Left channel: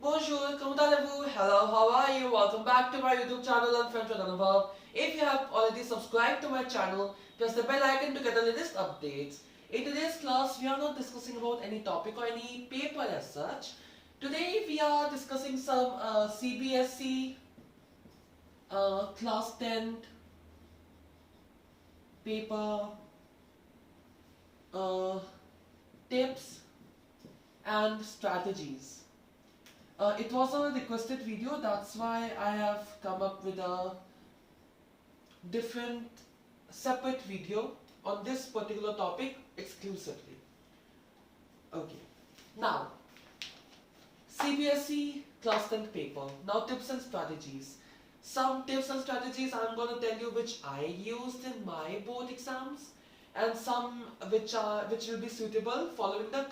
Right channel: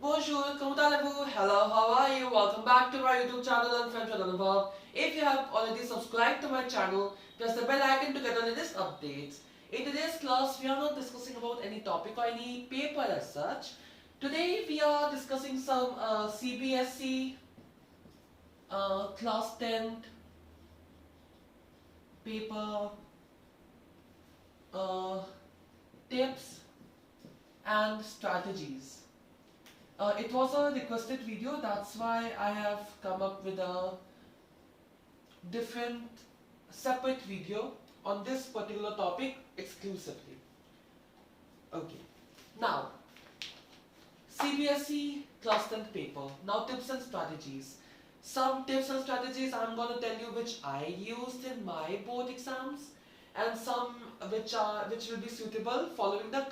Bonjour, comment allez-vous? Hello, how are you? Welcome back to my YouTube channel. I'm French Anubhav. If you have already subscribed to my channel, press the bell icon to get the latest updates. In today's class, we are not discussing about any topic or any paper as such. Today, we are discussing some CBSE class 10 paper uh, tips and strategies. It was a requested video, that's why I have come up with a different separate video on this particular topic exclusively. Okay, now CBSE class 10 paper. Now tips and strategies. Some tips and strategies I'm gonna tell you which I used in my board exams, and some which will be suitable following the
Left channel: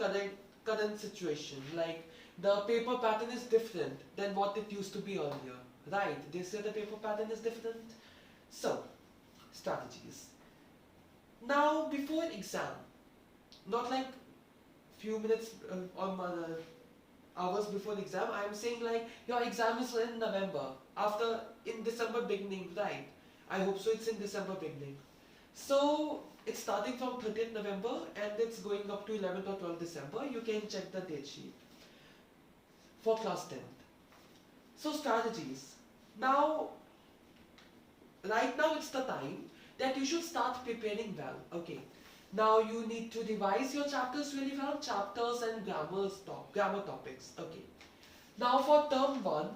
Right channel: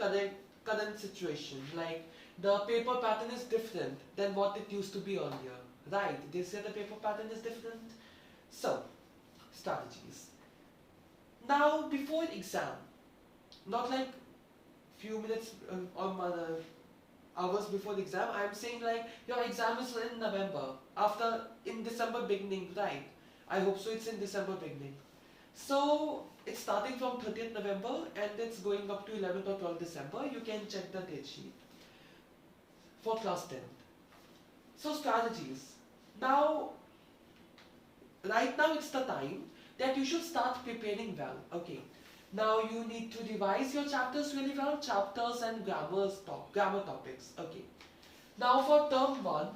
current situation. Like the paper pattern is different than what it used to be earlier. Right? They say the paper pattern is different. So, strategies. Now before exam, not like few minutes on my hours before the exam, I am saying like your exam is in November, after in December beginning, right? I hope so. It's in December beginning. So it's starting from 30th November and it's going up to 11th or 12th December. You can check the date sheet for class 10. So strategies. Now, right now it's the time that you should start preparing well. Okay. Now you need to revise your chapters really well, chapters and grammar topics. Okay. Now for term 1,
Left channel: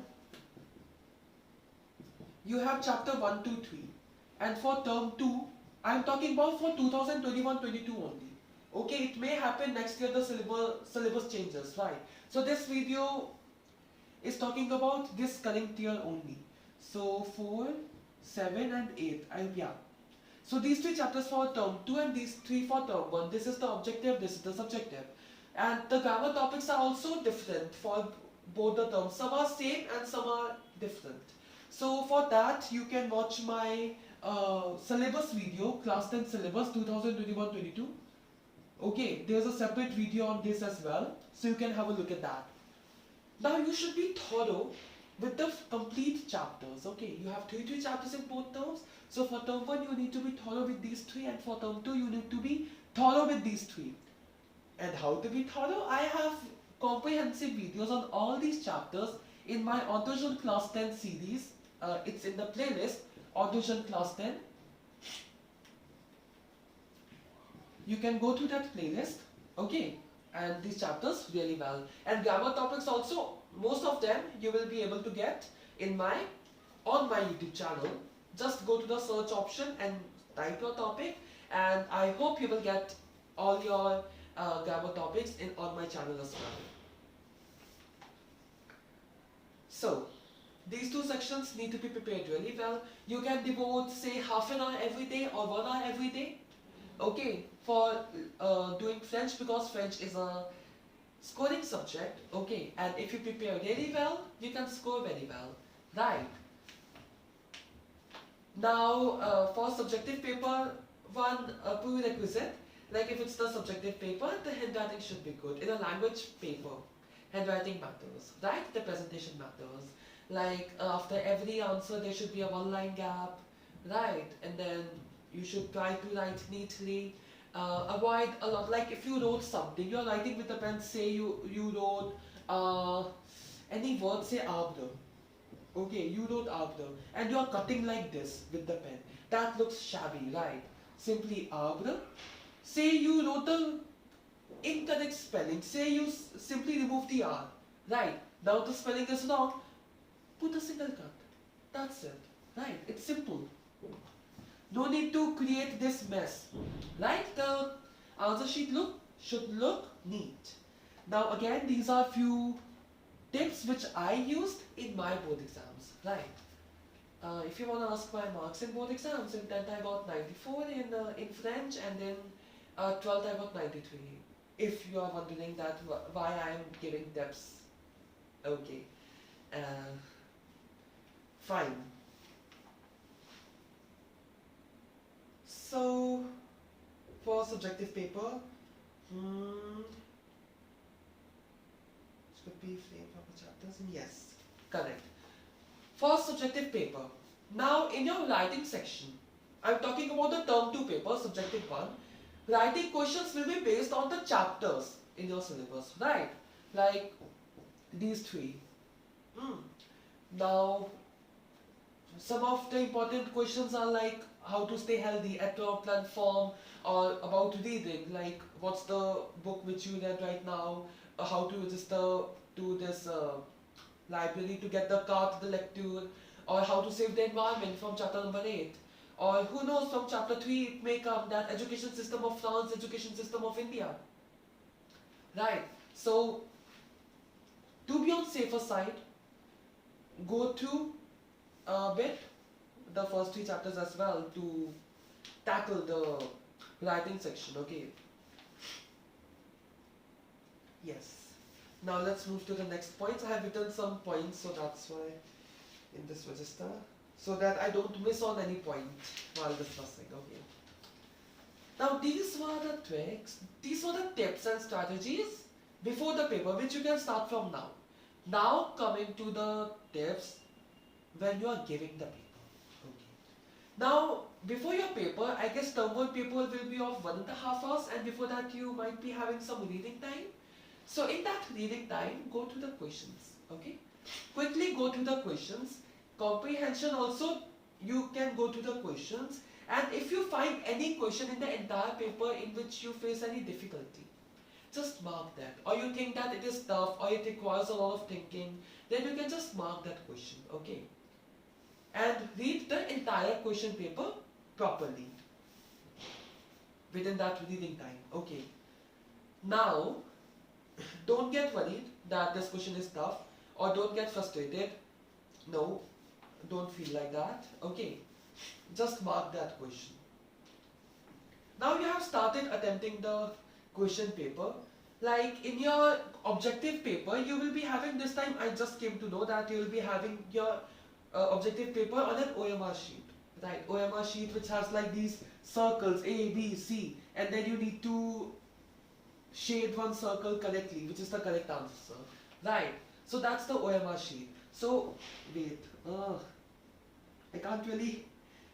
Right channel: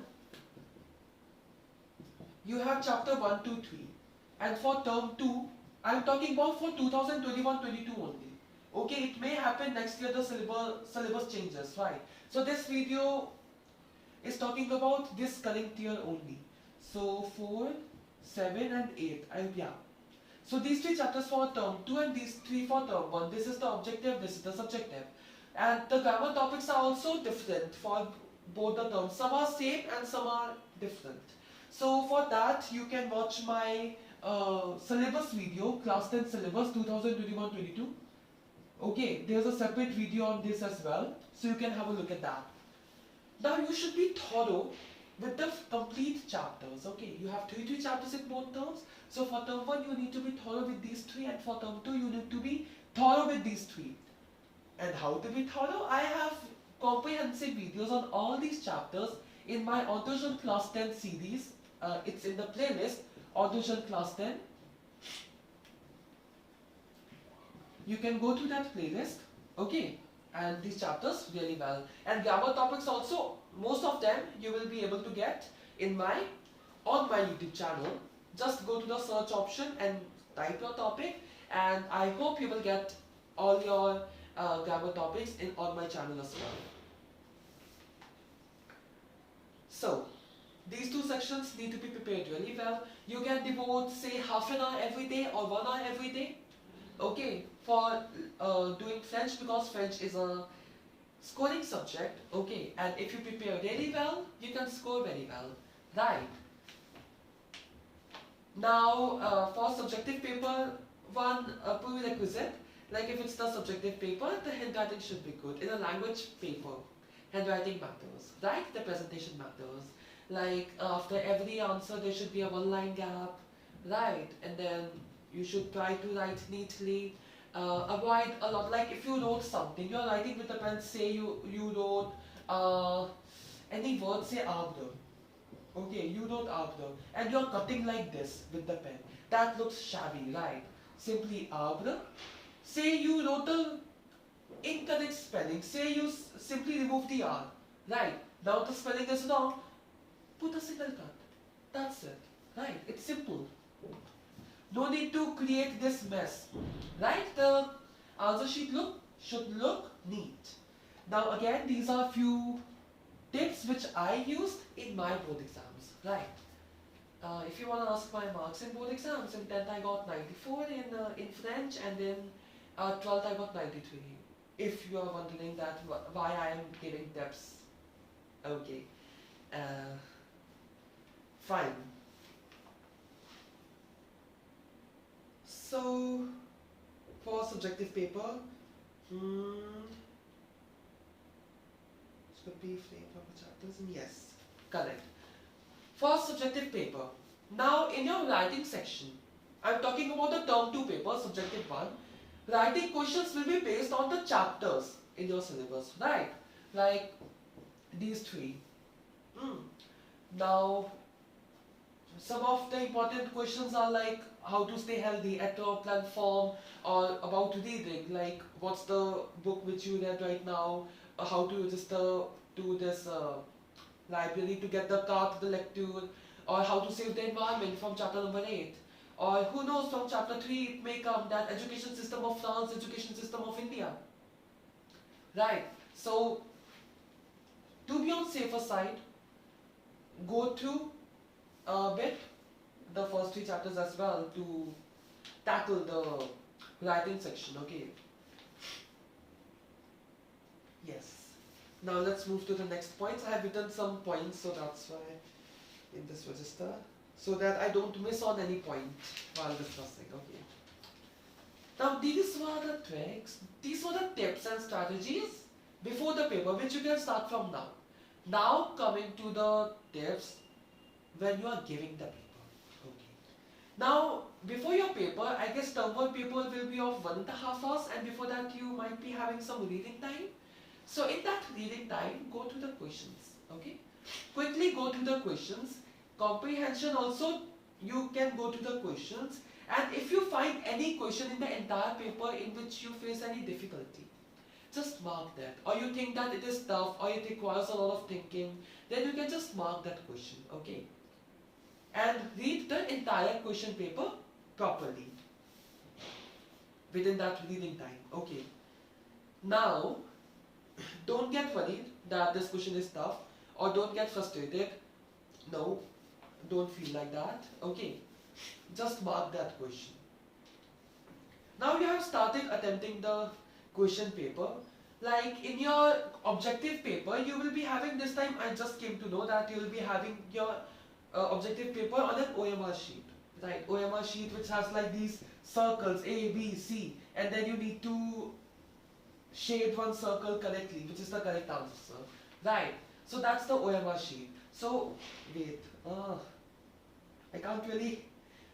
you have chapter 1 to 3. And for term 2, I am talking about for 2021-22 only. Okay, it may happen next year the syllabus changes, right? So this video is talking about this current year only. So 4, 7 and 8. Yeah. So these 3 chapters for term 2 and these 3 for term 1. This is the objective, this is the subjective. And the grammar topics are also different for both the terms. Some are same and some are different. So for that you can watch my syllabus video, class 10 syllabus 2021-22. Okay, there's a separate video on this as well. So you can have a look at that. Now you should be thorough with the complete chapters. Okay, you have 3 chapters in both terms. So for term 1 you need to be thorough with these 3, and for term 2 you need to be thorough with these 3. And how to be thorough? I have comprehensive videos on all these chapters in my Auto-Jeunes Class 10 series. It's in the playlist Auto-Jeunes Class 10. You can go to that playlist. Okay, and these chapters really well. And grammar topics also, most of them you will be able to get on my YouTube channel. Just go to the search option and type your topic, and I hope you will get all your grammar topics on my channel as well. So these 2 sections need to be prepared really well. You can devote say half an hour every day or 1 hour every day. Okay, for doing French, because French is a scoring subject. Okay, and if you prepare really well, you can score very well, right? Now for subjective paper, one prerequisite, like if it's the subjective paper, the handwriting should be good. In a language paper, handwriting matters, right? The presentation matters. Like after every answer there should be a 1-line gap, right? And then you should try to write neatly. Avoid a lot, like if you wrote something, you're writing with a pen, say you wrote any word, say arbre. Okay, you wrote arbre and you're cutting like this with the pen. That looks shabby, right? Simply arbre. Say you wrote the incorrect spelling, say you simply remove the R, right? Now the spelling is wrong, put a single cut. That's it, right? It's simple. No need to create this mess, right? The answer sheet should look neat. Now again, these are few tips which I used in my board exams, right? If you want to ask my marks in board exams, in 10th I got 94 in French, and in 12th I got 93. If you are wondering that why I am giving tips, okay, fine. So for subjective paper, Should be framed from the chapters. Yes, correct. For subjective paper. Now in your writing section, I'm talking about the term 2 paper, subjective one. Writing questions will be based on the chapters in your syllabus, right? Like these three. Now, some of the important questions are like how to stay healthy, at a platform, or about reading, like what's the book which you read right now, how to register to this library to get the card to the lecture, or how to save the environment from chapter number 8. Or who knows, from chapter 3 it may come that education system of France, education system of India. Right. So, to be on safer side, go through a bit the first 3 chapters as well to tackle the writing section, okay? Yes. Now let's move to the next points. I have written some points, so that's why in this register, so that I don't miss on any point while discussing, okay? Now these were the tricks, these were the tips and strategies before the paper, which you can start from now. Now coming to the tips when you are giving the paper, okay? Now before your paper, I guess term 1 paper will be of 1.5 hours, and before that you might be having some reading time. So in that reading time, go to the questions, okay? Quickly go to the questions. Comprehension also, you can go to the questions, and if you find any question in the entire paper in which you face any difficulty, just mark that. Or you think that it is tough or it requires a lot of thinking, then you can just mark that question, okay? And read the entire question paper properly within that reading time, okay? Now, don't get worried that this question is tough, or don't get frustrated. No, don't feel like that, okay? Just mark that question. Now you have started attempting the question paper. Like in your objective paper, you will be having this time, I just came to know that you will be having your objective paper on an OMR sheet, right? OMR sheet which has like these circles A, B, C, and then you need to shade one circle correctly, which is the correct answer, right? So that's the OMR sheet. So wait, I can't really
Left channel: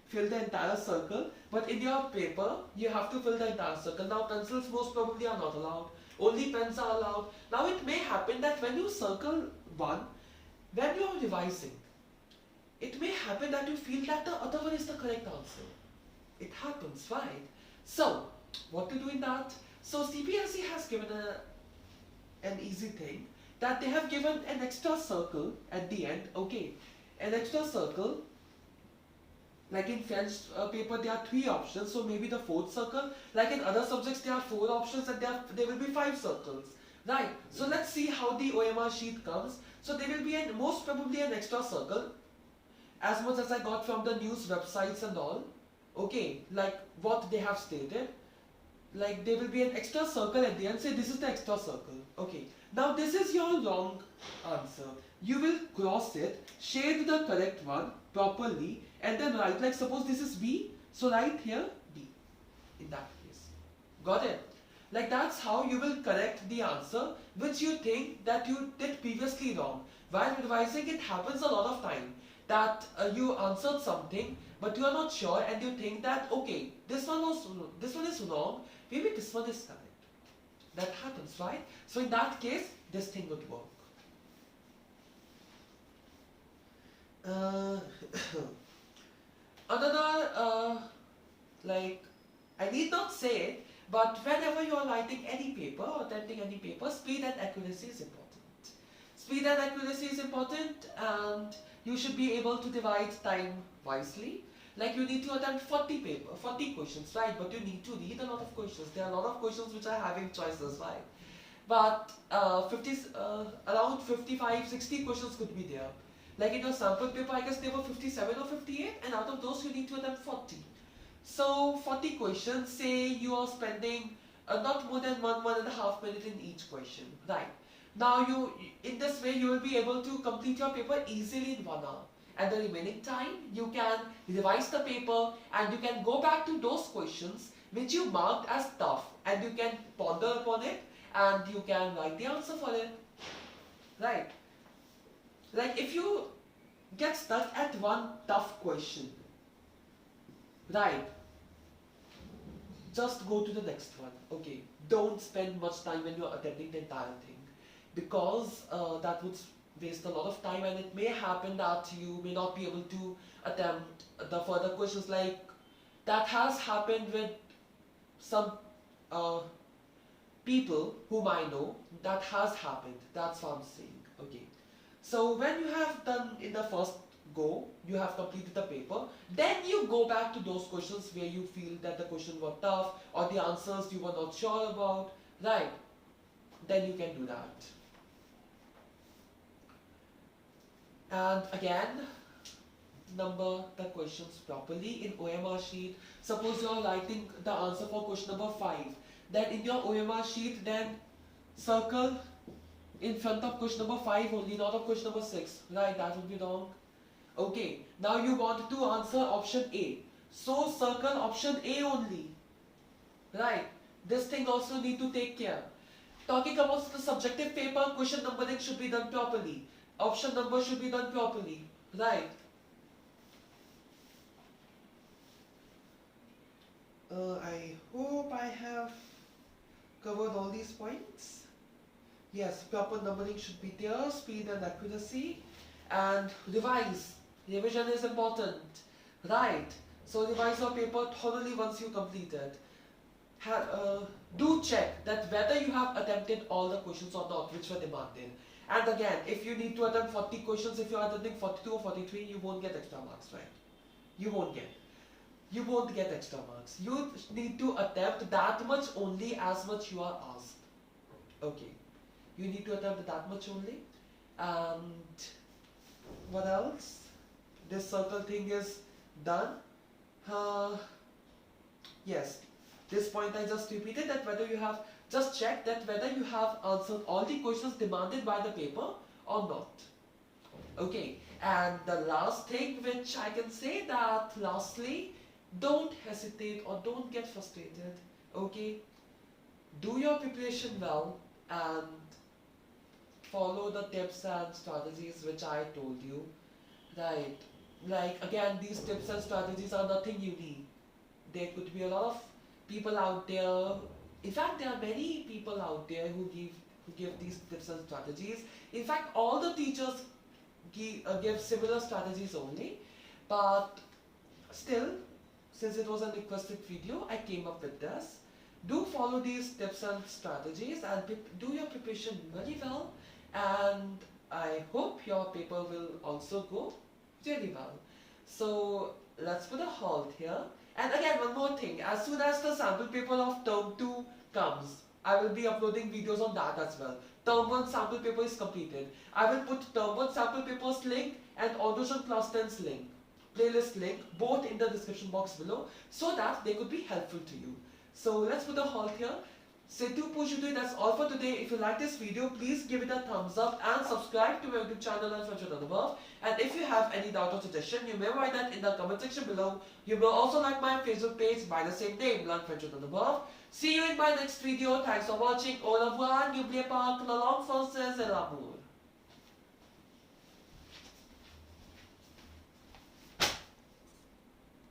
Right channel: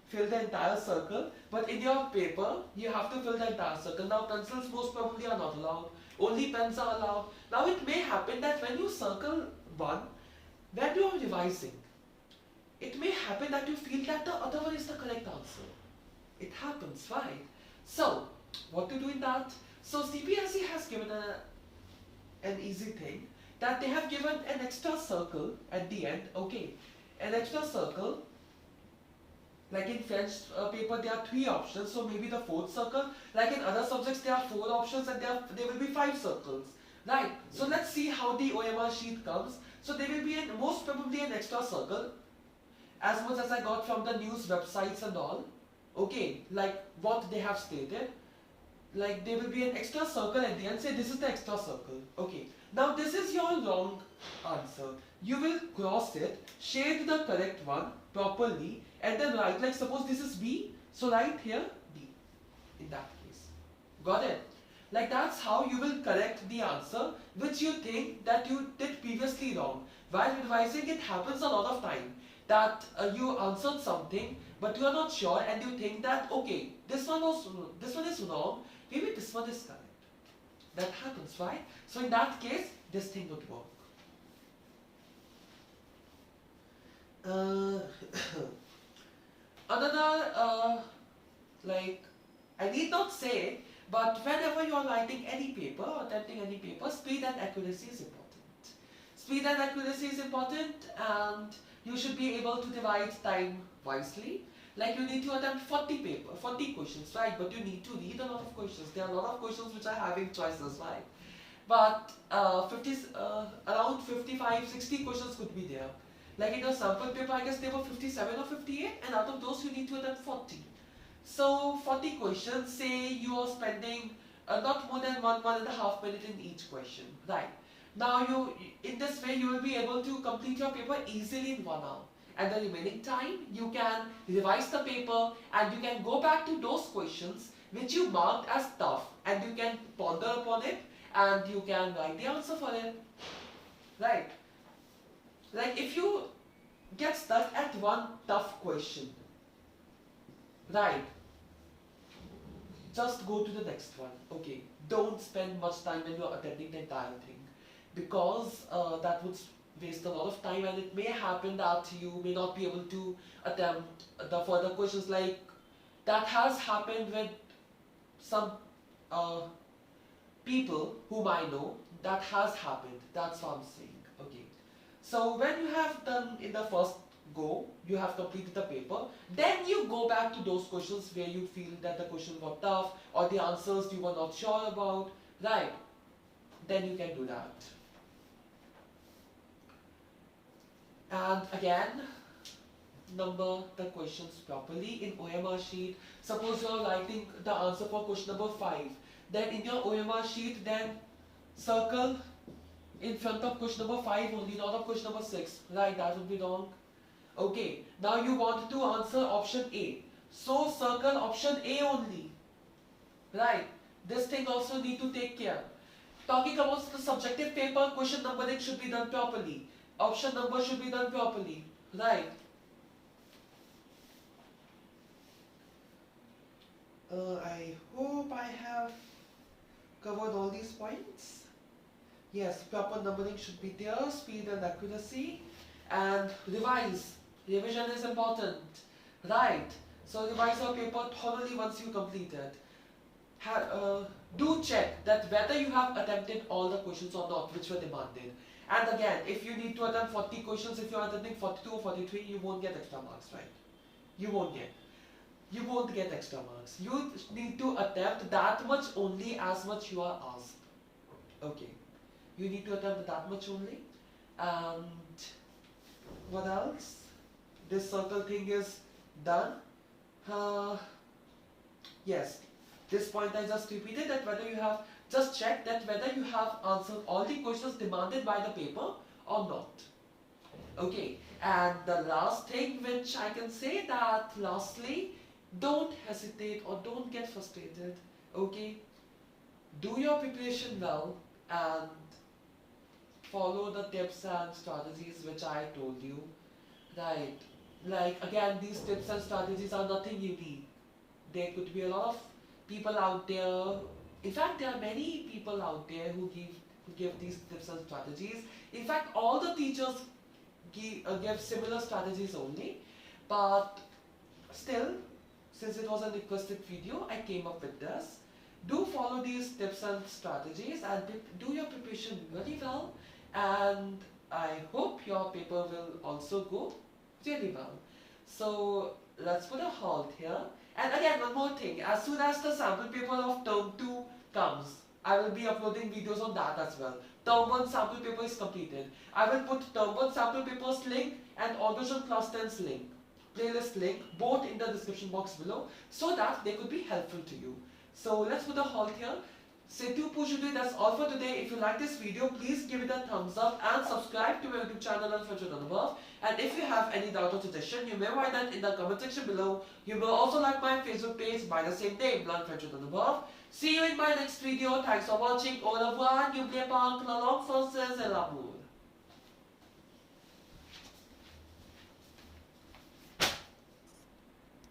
fill the entire circle, but in your paper you have to fill the entire circle. Now pencils most probably are not allowed, only pens are allowed. Now it may happen that when you circle one, when you are revising, it may happen that you feel that the other one is the correct answer. It happens, right? So what to do in that? So CBSE has given an easy thing, that they have given an extra circle at the end, okay? An extra circle, like in French paper there are 3 options, so maybe the 4th circle. Like in other subjects there are 4 options and there will be 5 circles, right? So let's see how the OMR sheet comes. So there will be most probably an extra circle, as much as I got from the news websites and all, okay? Like what they have stated. Like there will be an extra circle at the end, say this is the extra circle, okay? Now this is your wrong answer. You will cross it, shade the correct one properly, and then write, like suppose this is B, so write here D in that case. Got it? Like that's how you will correct the answer which you think that you did previously wrong. While revising, it happens a lot of time that you answered something but you are not sure, and you think that okay, this one is wrong, maybe this one is correct. That happens, right? So in that case, this thing would work. Another, like, I need not say, but whenever you are writing any paper or attempting any paper, speed and accuracy is important. Speed and accuracy is important, and you should be able to divide time wisely. Like you need to attempt 40 questions, right? But you need to read a lot of questions. There are a lot of questions which are having choices, right? But around 55, 60 questions could be there. Like in your sample paper, I guess there were 57 or 58, and out of those you need to attempt 40. So 40 questions, say you are spending not more than 1.5 minutes in each question, right? Now in this way you will be able to complete your paper easily in 1 hour. And the remaining time, you can revise the paper and you can go back to those questions which you marked as tough, and you can ponder upon it and you can write the answer for it. right? Like if you get stuck at one tough question, right? Just go to the next one. Okay, don't spend much time when you're attempting the entire thing, because that would waste a lot of time, and it may happen that you may not be able to attempt the further questions. Like that has happened with some uh, people whom I know. That has happened. That's what I'm saying. Okay. So when you have done in the first go, you have completed the paper, then you go back to those questions where you feel that the questions were tough or the answers you were not sure about, right? Then you can do that. And again, number the questions properly in OMR sheet. Suppose you're writing the answer for question number 5. Then in your OMR sheet, then circle in front of question number 5 only, not of question number 6. Right, that would be wrong. Okay, now you want to answer option A. So circle option A only. Right, this thing also need to take care. Talking about the subjective paper, question numbering should be done properly. Option number should be done properly. Right. I hope I have covered all these points. Yes, proper numbering should be there, speed and accuracy. And revise. Revision is important. Right. So revise your paper thoroughly once you complete it. Do check that whether you have attempted all the questions or not which were demanded. And again, if you need to attempt 40 questions, if you are attempting 42 or 43, you won't get extra marks, right? You won't get. You won't get extra marks. You need to attempt that much only as much you are asked. Okay. You need to attempt that much only. And what else? This circle thing is done. Yes. This point I just repeated, that whether you have, just check that whether you have answered all the questions demanded by the paper or not. Okay, and the last thing which I can say, that lastly, don't hesitate or don't get frustrated. Okay, do your preparation well and follow the tips and strategies which I told you. Right, like again, these tips and strategies are nothing unique. There could be a lot of people out there. In fact, there are many people out there who give these tips and strategies. In fact, all the teachers give similar strategies only. But still, since it was a requested video, I came up with this. Do follow these tips and strategies and do your preparation very well. And I hope your paper will also go really well. So let's put a halt here. And again, one more thing, as soon as the sample paper of term 2 comes, I will be uploading videos on that as well. Term 1 sample paper is completed. I will put term 1 sample papers link and Audition Class 10's link, playlist link, both in the description box below, so that they could be helpful to you. So let's put a halt here. Setu Pushiti, that's all for today. If you like this video, please give it a thumbs up and subscribe to my YouTube channel and Friendship Above. And if you have any doubt or suggestion, you may write that in the comment section below. You may also like my Facebook page by the same name, Learn Friendship Above. See you in my next video. Thanks for watching. Au revoir. N'oubliez pas que la langue française est l'amour.